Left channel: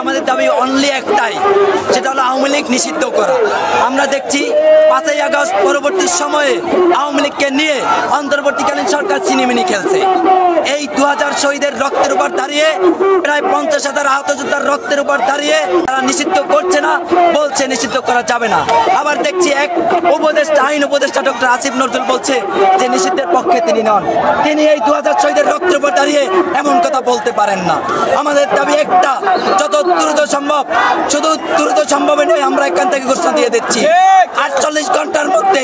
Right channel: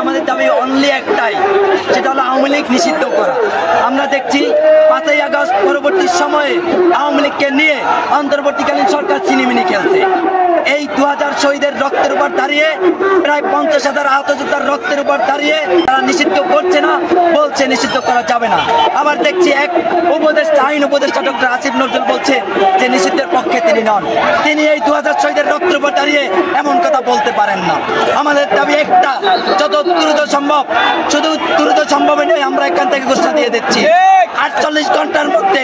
আমাদের দাবি অনলি একটাই, সেটা হলো আওয়ামী লীগ নিষিদ্ধ করা। আমরা দেখছি 5ই আগস্ট পরবর্তী সময়ে আওয়ামী লীগকে নিয়ে অন্তর্বর্তীকালীন সরকার চিনিমিনি খেলছে। এই 2000 শহীদের রক্তের উপর দাঁড়িয়ে, প্রায় 50,000 আহত যোদ্ধার রক্তের উপর দাঁড়িয়ে তারা নিষিদ্ধ করছে না, বলছে নিষিদ্ধ করা যাবে না। আবার দেখছি এক উপদেষ্টা, আইন উপদেষ্টা ডক্টর আসিফ নজরুল বলছে যে নিষিদ্ধের পক্ষে তিনি নন। তিনি এই 2000 শহীদের রক্তের উপর দাঁড়িয়ে এমন কথা বলতে পারেন না। আমাদের দাবি একটা, যত দ্রুত সম্ভব, শুধু দ্রুত সম্ভবে নেই, আমরা এখান থেকে ঘোষণা দিয়ে দিচ্ছি 48 ঘন্টার মধ্যে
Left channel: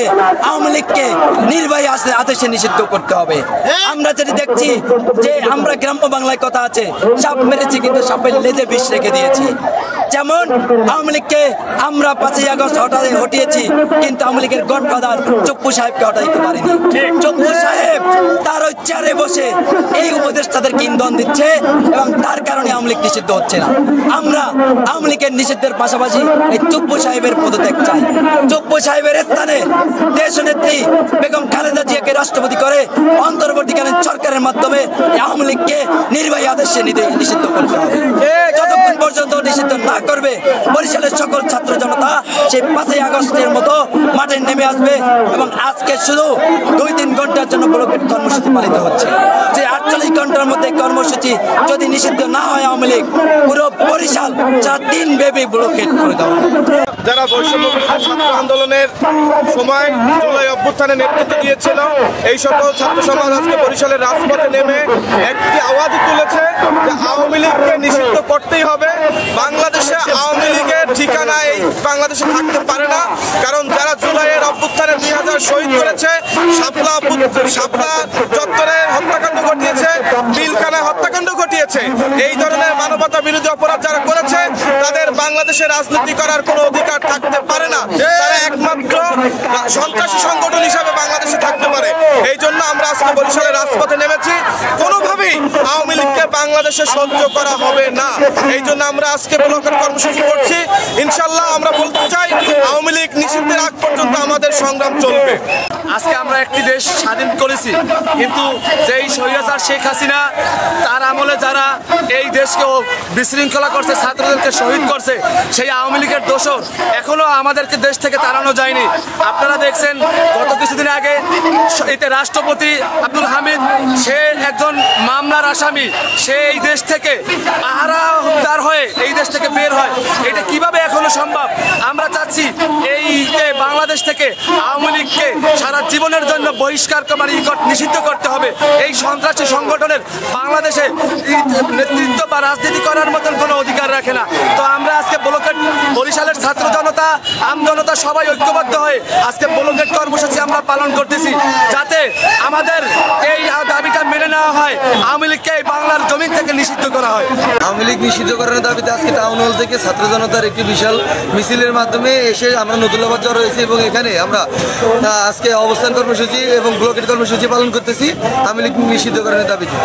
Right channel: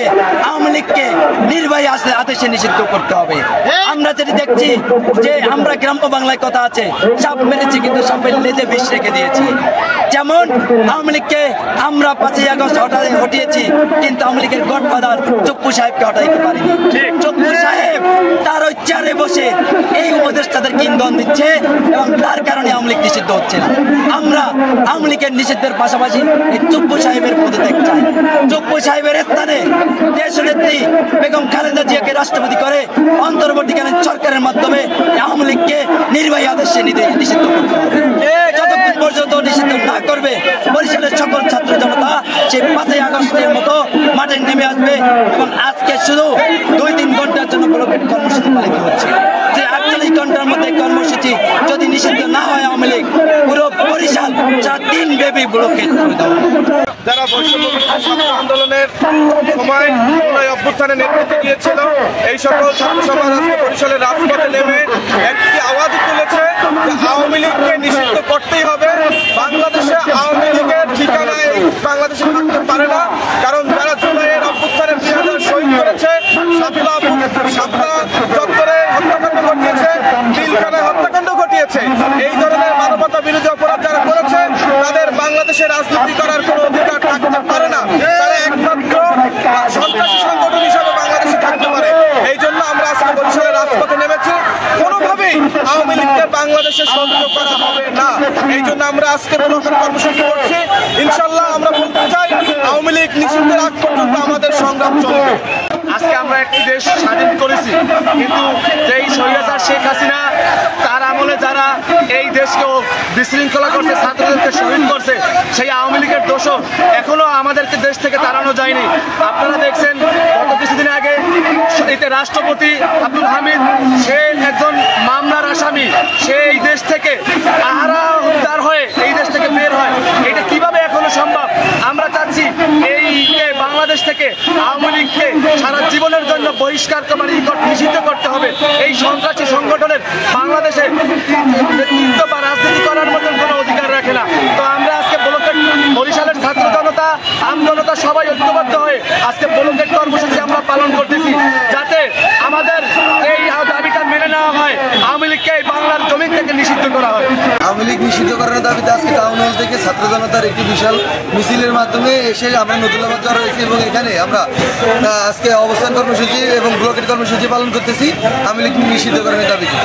আওয়ামী লীগকে নির্বাহী আদেশে নিষিদ্ধ করতে হবে। আমরা যেটা দেখছি যে আমরা গ্রাম্য বাংলায় কথা আছে, সাপ মেরেছি কিন্তু সাপের লেজে বিষ রেখে দিয়েছি। যেমন আওয়ামী লীগকে আমরা 5ই আগস্ট হটিয়েছি, কিন্তু আওয়ামী লীগের গডফাদার চপ্পু সাহেবকে হটাইতে পারিনি। চপ্পু সাহেব তার ওই চেয়ারে বসে এই উপদেষ্টাদেরকে ইন্ধন দিচ্ছে এবং তার কারণে আওয়ামী লীগ নিষিদ্ধ হচ্ছে না। আমরা আওয়ামী লীগের নিষিদ্ধের পাশাপাশি এই চপ্পু সাহেবের পদত্যাগ চাই। চপ্পু সাহেবের স্থানে দেশনেত্রী বেগম খালেদা জিয়াকে রাষ্ট্রপতি করে অন্তর্বর্তীকালীন সরকারের মাধ্যমে আওয়ামী লীগকে নির্বাহী আদেশে নিষিদ্ধ করতে হবে। যতক্ষণ পর্যন্ত নিষিদ্ধ না করবে, বরিশালের সকল ছাত্র জনতা সেই 5ই আগস্টের মতো মাঠে নেমে আসবে। এবং আজকে শুধু 2-3 ঘন্টার জন্য ব্লকেট কর্মসূচি পালিত হচ্ছে, যে 48 ঘন্টার মধ্যে কর্মসূচি যদি নিষিদ্ধ না হয় আওয়ামী লীগ পুরো বরিশাল 4 দিন ব্যাপী ব্লকেট করে দেওয়া। যারা বৈষম্য ছাত্র আন্দোলনের সময় জুলাই অভ্যুত্থানে নেতৃত্ব দিয়েছিল, এই সকল ছাত্র সমাজ আজকে বরিশালের রাজপথে নেমে একটি আওয়াজ তুলেছে যে আওয়ামী লীগকে নিষিদ্ধ করতেই হবে। বাংলাদেশে আওয়ামী লীগের ঠিকানা এই বাংলাদেশে থাকতে পারে না, কারণ যারা জুলাইয়ের অভ্যুত্থানে 2000 শহীদ করেছে, শাপলা চত্বরে হত্যাকাণ্ড ঘটিয়েছে, পিলখানায় হত্যাকাণ্ড ঘটিয়েছে, এই ধরনের মানবতা বিরোধী অপরাধ যারা করেছে তাদের বাংলাদেশে রাজনীতি করার কোনো অধিকার থাকতে পারে না। তারা একমাত্র সন্ত্রাসী সংগঠন হিসাবে বাংলাদেশে থাকতে পারে। এই জন্য আমরা আজকে বরিশালের রাজপথে নেমেছি। কোনোভাবেই আওয়ামী লীগকে বাংলাদেশে সহ্য করা হবে না। এই জন্য আমরা আজকে ব্লকের কর্মসূচি করছি। ইনশাল্লাহ আমরা বলতে চাই আওয়ামী লীগ নিষিদ্ধের আগ পর্যন্ত আমাদের সংগ্রাম চলবে। আজকে আমরা একটি দেশ স্বাধীন করেছি, কিন্তু যেই স্বৈরাচার শেখ হাসিনা তার আমলে যারা এই দেশকে বিশৃঙ্খলা করছে, ছাত্রদেরকে শহীদ করছে, সেই আওয়ামী লীগের দোষর এখনো আমাদেরকে দেশ থেকে তাড়ানো যায়নি। আপনারা দেখছেন গত কিছুদিন আগে এতে রাষ্ট্রপতি আব্দুল হামিদ, সে একজন মামলার আসামি, সে এই দেশ থেকে আহারা উদ্ধার হয়ে এই দেশ থেকে বের হয়। এটা কিভাবে এখনো সম্ভব? আমরা চাচ্ছি এই বাংলাদেশ থেকে আওয়ামী লীগকে সারা জীবনের জন্য বহিষ্কার নিষিদ্ধ করতে হবে। এই সন্ত্রাসী সংগঠনের বাংলাদেশে নেতৃত্ব বা রাজনীতি করার মতন কোনো অধিকার রাখে না। তো আমরা আজকে বরিশালের ছাত্র জনতা, আম জনতা সবাই ঐক্যবদ্ধ হয়ে আজকে ব্লকেট কর্মসূচি আমরা পালন করতেছি, যাতে আমাদের এই দাবিটা মেনে নেওয়া হয়, আওয়ামী লীগকে এই বাংলার জমিন থেকে নিষিদ্ধ করা হয়। আওয়ামী লীগ নিষিদ্ধ করার দাবিতে আজকে টাউন হল থেকে ছাত্র জনতার একটি বিশাল মিছিলের মাধ্যমে এসে আমরা নতুল্লাবাদ জড়ো হয়েছি এবং এখানে আমরা আজকে অবস্থান কর্মসূচি এবং ব্লকেট কর্মসূচি পালন করতেছি আওয়ামী লীগ নিষিদ্ধ করার দাবিতে।